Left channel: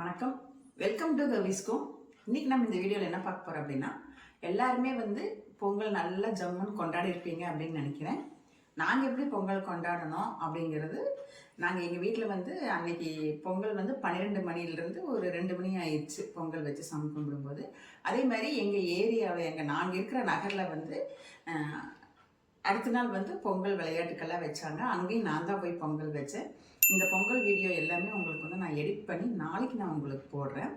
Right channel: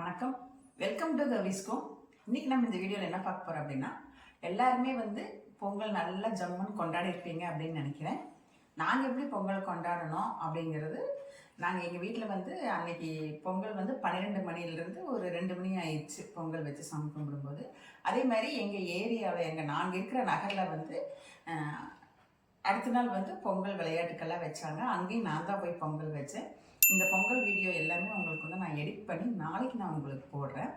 வணக்கம், welcome to கவிஸ்கோம். இன்றைக்கி நம்ம இந்த வீடியோவில் என்ன பார்க்க போகிறோம் அப்படின்னா, எல்லாருமே பொங்கல் நல்லா ஜம்முன்னு கொண்டாடி இருப்பீங்க அப்படின்னு நினைக்கிறேன். நாங்கள் எப்படி பொங்கல் கொண்டாடணும் அப்படிங்கிறது, நாங்கள் எங்கள் வீட்டில் அன்னைக்கு பொங்கல் 12 மணிலேருந்து ஒரு 2 மணி ஆயிடுச்சு பொங்கல் வச்சு சாமி கும்பிடும்போது. அதே மாதிரி எங்கள் ஏரியாவில் நாங்கள் இருக்கிற நகரில் அடுத்த நாள் பொங்கல் விளையாட்டுக்கெல்லாம் வச்சாங்க. அங்கேயும் நான் தான் போய் பொங்கல் வச்சேன். இந்த பொங்கல் வீடியோ எல்லாமே உங்களுக்கு நான் எடிட் பண்ணி நாளைக்கு நான் உங்களுக்கு போடுறேன்.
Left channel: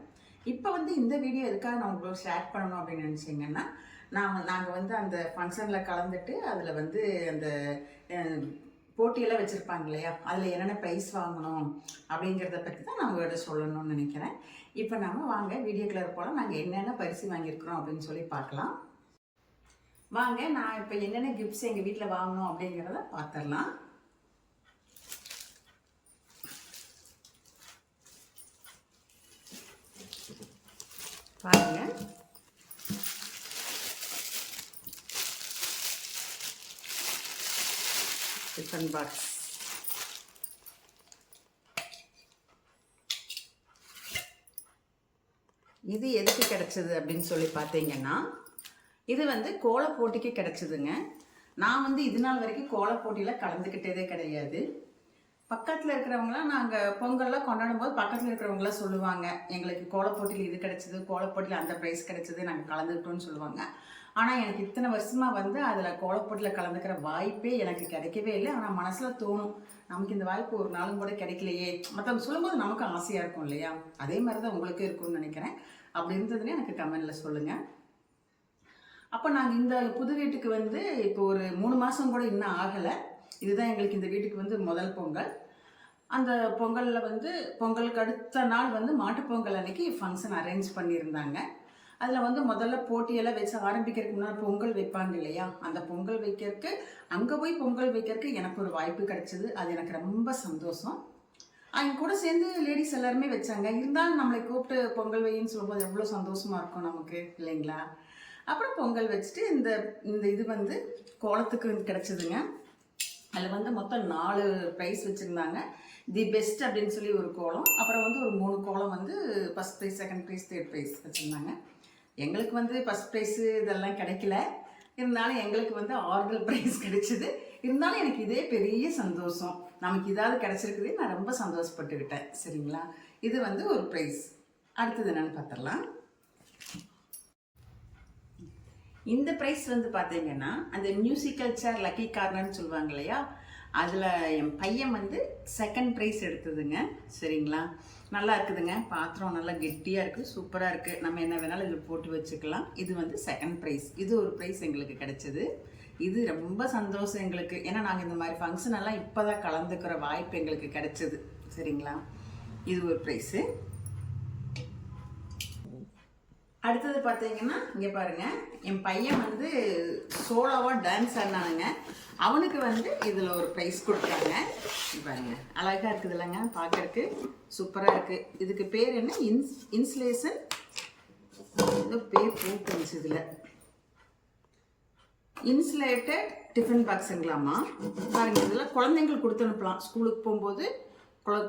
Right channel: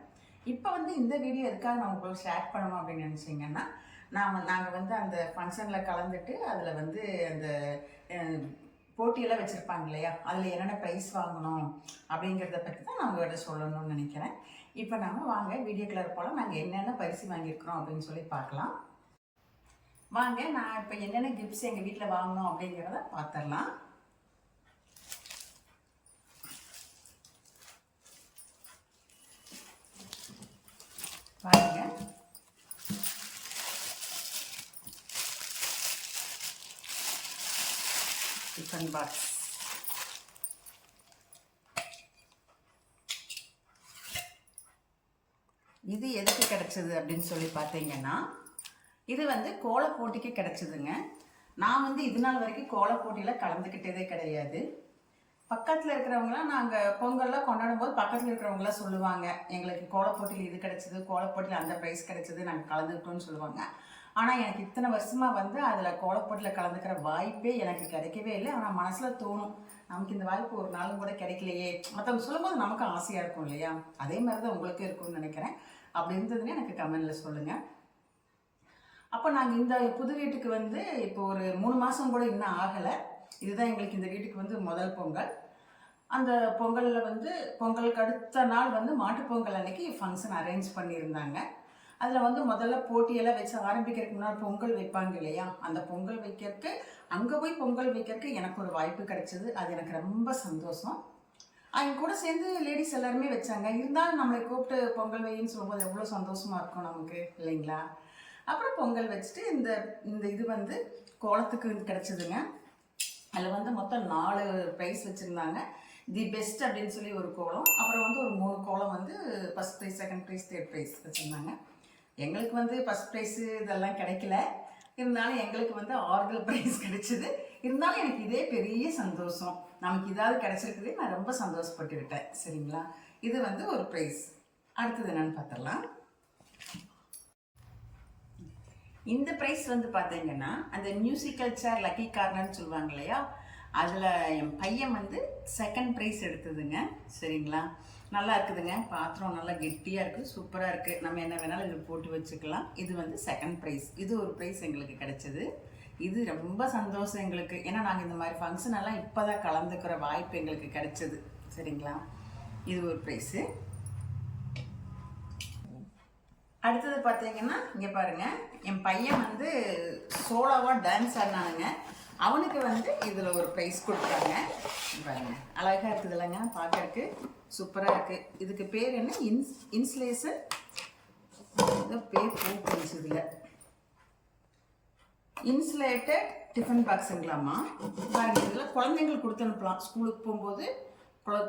இப்போ இந்த வீடியோ எதுக்காக நான் உங்களுக்கு ஷேர் பண்ணணும் அப்படின்னு நினச்சிங்கன்னா, நாங்கள் அந்த ஃபங்க்ஷனில் கலந்துட்டு அதில் அந்த போட்டியெல்லாம் வச்சுருப்பாங்க இல்லையா, அதில் என்னென்ன ப்ரைஸ் வாங்கணும் அப்படிங்கிறத பற்றி தான் நான் உங்கள்கிட்ட சொல்லணும்னு நினைக்கிறேன். இப்போ நாம் வாங்க வீடியோக்குள்ளே போல் நாங்கள் என்னென்ன பரிசு வாங்கியிருக்கிறோம் அப்படின்னு சொல்லி பார்க்கலாம். வாங்க, நான் இப்போ என்னென்ன கிஃப்ட்ஸ் எங்கள் வீட்டில் வாங்கணும் அப்படிங்கிறத பார்த்துடலாம். பாருங்க, டிஃபன் பாக்ஸ். இது எதுக்கு கிடைச்சது அப்படின்னு சொல்லி பார்த்தீங்கன்னா, இது கோல போட்டிக்கு கிடைச்சதுங்க. நான் இது நாள் வரைக்கும் கோல போட்டியில் கலந்துக்கிட்டதே கிடையாது. பக்கத்தில் இருக்கிறவங்களாம் நாங்கள் பொங்கல்லாம் கொண்டாடும் போது பக்கத்தில் இருக்கிறவங்களாம் சொல்லுவாங்க, எங்களுக்கு கோலப்போட்டியில் இது கிடச்சிது, கோலப்போட்டியில் அந்த ப்ரைஸ் கிடச்சிது, நாங்கள் கலந்துக்கிட்டோன்னு சொல்லுவாங்க. ஆனால் எனக்கு இத்தனை வருஷமாக அதில் கோலப்போட்டியில் கலந்துக்கிற வாய்ப்பே எனக்கு கிடைக்கவே இல்லை. ஆனால் மனசில் தோணும், நமக்கு இந்த வாய்ப்பு ஒரு நாளும் கூட கிடைக்கலையே. மற்றவங்க சொல்லும்போது நமக்கு ஆசையாக இருக்கும் இல்லையா, அதே மாதிரி தான் உங்களுக்கும் இருக்கும்னு நினைக்கிறேன். அப்படி இருந்ததுன்னு எனக்கு கமெண்டில் சொல்லுங்கள். அப்போ நாங்கள் இந்த புது வீட்டுக்கு இப்போ ஒரு 3 மாதம் கூட இன்னும் ஆகலை. இதுதான் எங்களுக்கு இந்த வீட்டுக்கு முதல் பொங்கல். அந்த பொங்கலில் பொங்கலுக்கு அடுத்த நாள் மாட்டுப்பொங்கல் அன்னைக்கு ஃபங்க்ஷன் அரேஞ்ச் பண்ணியிருந்தாங்க. அதில் முதல்ல போட்டியெல்லாம் வச்சு ஆரம்பிக்கிறதுக்கு முன்னாடி பொங்கல் வைப்பாங்க இல்லையா, அந்த பொங்கல் வைக்கிறதுக்கு அங்கே போய் பொங்கல் வைக்கிறதுக்கு எனக்கு ஒரு வாய்ப்பு கிடைச்சிது. அது எனக்கு ரொம்ப சந்தோஷம். அவங்க கூட சேர்ந்து லேடிஸ் எல்லாருமே வச்சாங்க. இருந்தாலும் நம்மளை கூப்பிட்டு பொங்கல் வையின்னு சொல்லும்போது எவ்வளோ சந்தோஷமாக இருக்கும் நமக்கு இல்லைங்களா. அப்புறம் பொங்கல் வச்சுட்டு இந்த இது கோலத்துக்கு கிடச்சிதுங்க. அதில் மொத்தம் 4 ப்ரைஸ் வச்சுருந்தாங்க. தி பெஸ்ட் அப்படின்னு சொல்லி ஒரு கோலம், அப்புறம் ஒரு 3 கோலம் first prize, second prize, third prize வச்சுருந்தாங்க. எங்களுக்கு ஃபஸ்ட் ப்ரைஸு இதெல்லாம் கிடைக்கல. இருந்தாலும் எங்களுக்கு ஆறுதல் ப்ரைஸ் கிடைச்சிது. இருந்தாலும் எனக்கு இதே பெரிய சந்தோஷம், நமக்கு இதாவது கிடச்சிருக்குது, நான் ரொம்ப சந்தோஷப்பட்டுக்கிட்டேன். சரிங்களா, இது ஒரு ப்ரைஸ். அடுத்தது என்னென்னு பார்த்துடலாம். இந்த ப்ரைஸ் பார்த்தீங்கன்னா, அந்த மியூசிக்கல் சேர் லக்கி கார்னர்னு சொல்லுவாங்க இல்லையா, அதில் என் பையன் செகண்ட் ப்ரைஸ் எடுத்ததுங்க. சரிங்களா, நல்லா இருக்குதுங்க. பாத்திரம் நல்லா கெட்டியாக இருக்குது, சூப்பராக இருக்குது. நம்ம என்ன வேணாலும் இதில் போட்டு வச்சுக்கலாம். இது செகண்ட் ப்ரைஸ். இது ஒரு ப்ரைஸ் எங்களுக்கு கிடைச்சது. இது ரொம்ப சந்தோஷம் எங்களுக்கு. ஏன்னா நாங்கள் இந்த மாதிரி ஃபங்க்ஷன் எல்லாம் இப்போ தான் கலந்துக்கிற வாய்ப்பு எங்களுக்கு கிடைச்சது. சரிங்களா, இது ஒரு ப்ரைஸு. அடுத்தது பார்த்தீங்கன்னா, இங்கே பாருங்கள், என் பையன் சோலோவாக டான்ஸ் ஆடினானுங்க. அவனுக்கு இதில் ஒரு ப்ரைஸ் கொடுத்தாங்க. பாருங்க, அழகாக இருக்குது இல்லைங்க, பார்க்கறதுக்கு சூப்பராக இருக்குது. இதுக்கு பேர் என்ன, இன்சுலேஷன் ஏதோ பேர் போட்டுருந்துச்சு. இதில் இன்சுலேட்டட் டிஃபன் பாக்ஸுங்களாமா. பாருங்கள், இதில் குழந்தைங்களுக்கு கொடுத்து அனுப்பலாம். ஸ்கூலுக்கு போகும்போது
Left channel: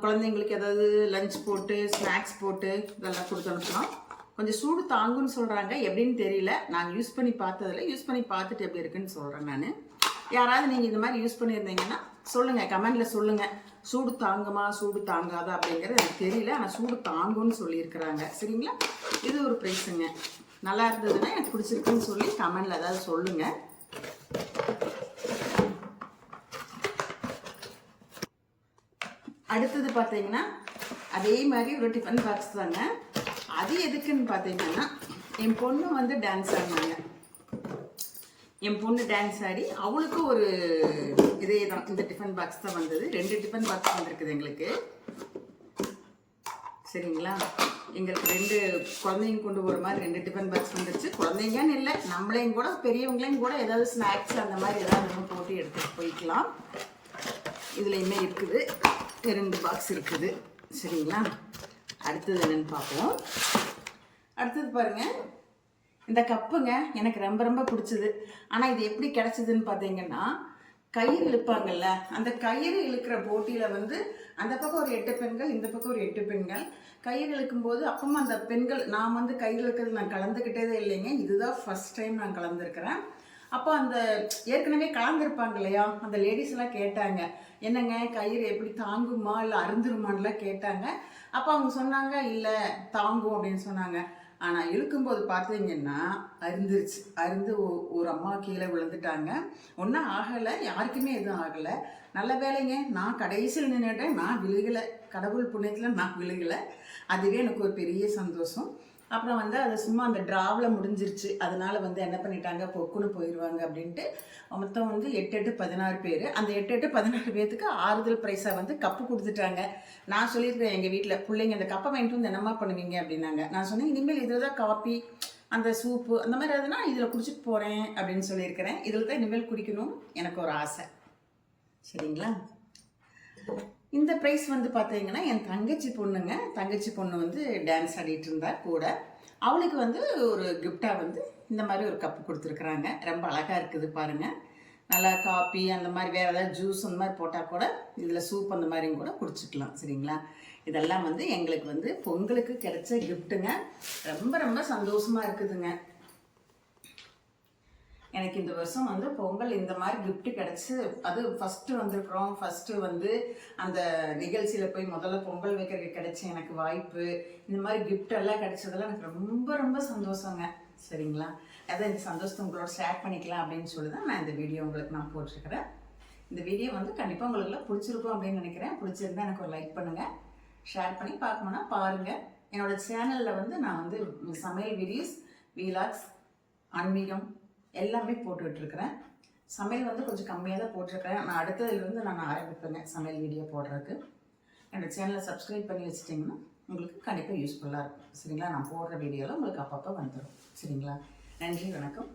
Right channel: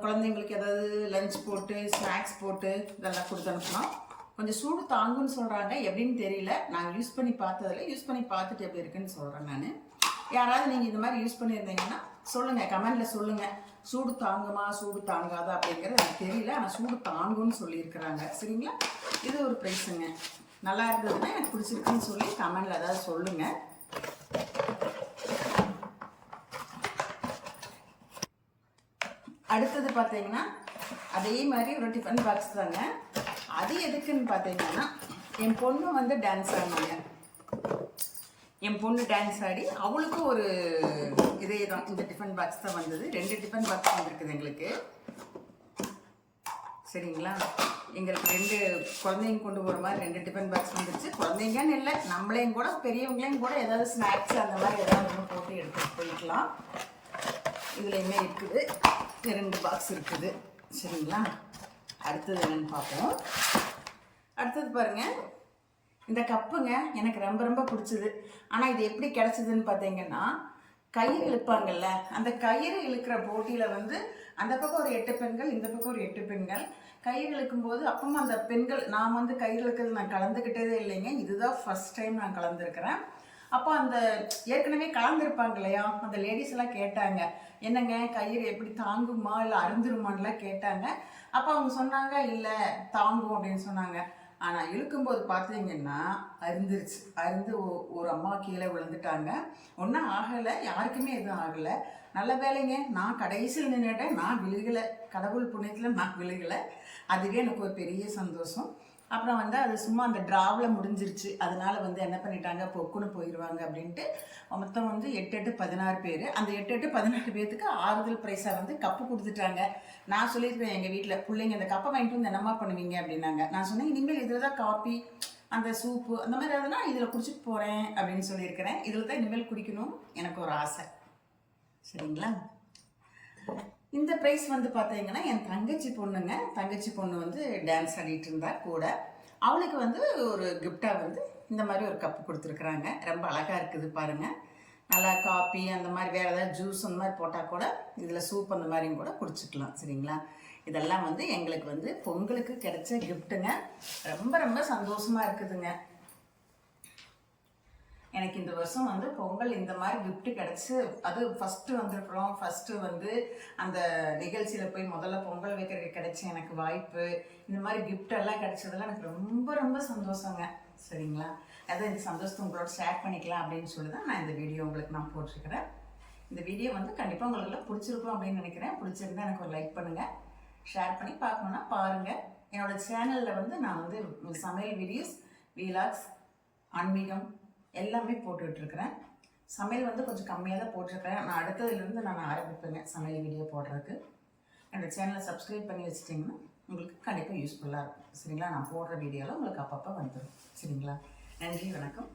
குழந்தைங்களுக்கு ஏதாவது லஞ்ச் போட்டு, ஸ்நாக்ஸ் போட்டு இதெல்லாம் கொடுத்து அனுப்பலாம். கொஞ்சம் சூடு தாங்குன்னு சொல்கிறாங்க, எப்படின்னு தெரியல. நாங்கள் யூஸ் பண்ணி பார்த்ததில் யூஸ் பண்ணி பார்த்துட்டு எப்படி இருக்குன்னு சொல்கிறேன் நான். யாராவது நீங்கள் இந்த மாதிரி யூஸ் பண்ணியிருந்தீங்கன்னா சொல்லுங்கள், கமெண்டில் சொல்லுங்கள். சூடு தாங்குமா சூடு தாங்காதா அப்படிங்கிறது எனக்கு தெரியல, ஆனால் சூடு தாங்குன்னு சொல்லியிருக்கிறாங்க. சரிங்களா, இது ஒரு ப்ரைஸுங்க. நல்லா இருந்ததுன்னா எனக்கு பிடிச்சிருக்குன்னு சொல்லி கமெண்டில் ஏதாவது சொல்லுங்கள். அடுத்தது பார்த்தீங்கன்னா, அதே மாதிரி ஒரு டிஃபன் பாக்ஸ் தாங்க. அது எதுக்குன்னு பார்த்தீங்கன்னா, என் பொண்ணு டான்ஸ் ஆடினாங்க. என் பொண்ணு டான்ஸ் ஆடி அவளுக்கு ஒரு இதே தான், இந்த டிஃபன் பாக்ஸ் தான் வந்தது. 2 டிஃபன் பாக்ஸ் வந்துருக்குது எங்களுக்கு. சரிங்களா, எங்களுக்கு 2 குழந்தைங்க கொண்டு போகிற மாதிரி 2 டிஃபன் பாக்ஸ் வந்துருச்சு. குழந்தைங்கன்னு இல்லை, நம்மளையும் கூட பெரியவங்களையும் கூட ஏதாவது ஸ்நாக்ஸ் அந்த மாதிரி ஏதாவது ஒன்று போட்டு எடுத்துகிட்டு போய்க்கலாம். இதுலையுமே இருக்குது, 2 பாக்ஸ் இருக்குது. சரிங்களா, அடுத்தது என்னென்னு பார்ப்போம். அடுத்தது பாருங்கள், இந்த கப்புங்க எனக்கு ரொம்ப ரொம்ப பிடிச்சது. ஆனால் இது எப்படி கிடச்சிதுன்னு பார்த்தீங்கன்னா, கயிறு இழுப்பாங்கல்ல, அந்த கயிறு இழுக்கிற போட்டியில் வந்து அந்த பக்கம் ஒரு 8 பெண்கள், இந்த பக்கம் ஒரு 8 பெண்கள் கயிறு இழுக்கும்போது அப்பவும் அந்த பெண்கள், நான் வந்து கயிறு இழுக்கிறது நான் கலந்துக்கிட்டதே இல்லைங்க. இதுதான் ஃபர்ஸ்ட் டைம் நான் கலந்துருக்கிறேன். அப்போ அந்த ஏற்கனவே கலந்துருப்பாங்க இல்லையா, அந்த லேடிஸ் எல்லாம் கேட்டாங்க, என்னங்க கயிறு எப்படி தாங்குமா இல்லை அருந்துருமான்லாம் கேட்டாங்க. அப்போ அவங்க சொன்னாங்க, இல்லை தாங்கும் அப்படின்னு சொன்னாங்க. ஆனால் இழுக்கும்போது பார்த்தீங்கன்னா அருந்துருச்சு. அருந்து ஒரு அம்மா கீழே விழுந்துட்டாங்க. ஒன்றும் ஆகலை, யாருக்குமே எதுவும் ஆகலை. நல்ல வேலைங்க, நான் கடைசியில் நின்றுட்டேன், நான் விழுகலை. கடவுள் புண்ணியத்தில் நான் விழுகலை. அதுவே எனக்கு ஒரு பெரிய சந்தோஷம். அப்புறம் வந்து அது சும்மா அந்த டிராவில் முடிஞ்சிருச்சு. அதனால வந்து என்ன பண்ணிட்டாங்க, பொக்குன்னு போயிடுவாங்க அப்படின்ட்டு மொத்தம் வந்து 8 16 பேர். அந்த 8 16 பேர்த்துக்கு ஆறுதல் ப்ரைஸாக வந்து கப்பு கொடுத்துட்டாங்க. நான் சொல்லியிருக்கேன் எங்கள் வீட்டில், பிள்ளைங்க இந்த கப்பை வாங்கிட்டு வந்து என்னம்மா பண்ணுவீங்க அப்படின்னாங்க. நான் சொன்னேன், இனிமேல் இதில் தான் காப்பி, அந்த சூப்பு அந்த மாதிரி எதுனா இதில் குடிச்சிட்டு போகிறேன் அப்படின்னு சொல்லியிருக்கிறேன். இதில் தான் இனிமேல் குடிக்கணும்னு எனக்கு ஒரு ஆசை. சரிங்களா? இந்த ப்ரைஸ் வந்து பார்த்தீங்கன்னா என் தங்கச்சி பொண்ணு வந்து டான்ஸ் ஆடிட்டு இருந்தா கூட. அவளுக்கு வந்து ஒரு கிஃப்டாக வந்து இந்த மாதிரி ஒரு கப்பு கொடுத்துருக்குறாங்க. ரொம்ப அழகாக இருக்குது பாருங்கள். நல்லா காப்பி அந்த மாதிரி வேறு ஏதாவது ஜூஸ் அந்த மாதிரி போட்டால் கூட இதில் சூப் அந்த மாதிரியும் கூட குடிச்சிக்கலாம். சரிங்களா? இதெல்லாம் வந்து எங்களுக்கு வந்து பொங்கலுக்கு கிடைச்ச கிஃப்ட்டுங்க. ரொம்ப ரொம்ப சந்தோஷமாக இருக்குதுங்க. எனக்கு இந்த வருஷம் வந்து பொங்கல் இந்த மாதிரி கிஃப்ட் கிடச்சி, அது ஃபஸ்ட்டு வந்திருக்கிறோம். ஃபஸ்ட்டு வந்து அந்த நிகழ்ச்சியில் போய் முதல்ல பொங்கல் வைக்கிறதுக்கு கிடைச்ச எனக்கு வாய்ப்பு, இந்த மாதிரி கிஃப்ட் எல்லாம் கிடைச்சதெல்லாம் எனக்கு ரொம்ப ரொம்ப சந்தோஷங்க. சரிங்களா? அதான் இந்த சந்தோஷத்தை உங்களோட ஷேர் பண்ணிக்கலாம் அப்படின்னு சொல்லி தான் நான் இந்த வீடியோ உங்களுக்கு நான் போட்டிருக்கிறேன். இந்த வீடியோ வந்து கண்டிப்பாக உங்களுக்குலாம் பிடிச்சிருக்கும் அப்படின்னு நினைக்கிறேன். பிடிச்சிருந்தா எனக்கு ஒரு லைக் பண்ணுங்கள், ஷேர் பண்ணி பார்க்கணுன்னா பாருங்கள். என்னோடய சேனலில் வந்து நான் வந்து சமையல் வீடியோஸ், வீலாக்ஸ், ஆன்மீகம் எல்லாமே போட்டுக்கிட்டுருக்கிறேன். சமையல் வந்து கொஞ்சம் கம்மியாக தான் போட்டிருக்கிறேன். நான் அடுத்ததுலேருந்து நான் ஆரம்பிப்பேங்க சமையல் வீடியோ போடுறதுக்கு. என்னோடய சேனலை சப்ஸ்கிரைப் பண்ணி வச்சிட்டிங்கன்னா உங்களுக்கு கண்டிப்பாக யூஸ்ஃபுல்லாக இருக்கும். சரிங்களா? நான் போடுற வீடியோவில் உங்களுக்கு அப்பப்போ வந்துடும். சரிங்களா? நன்றி, வணக்கம்.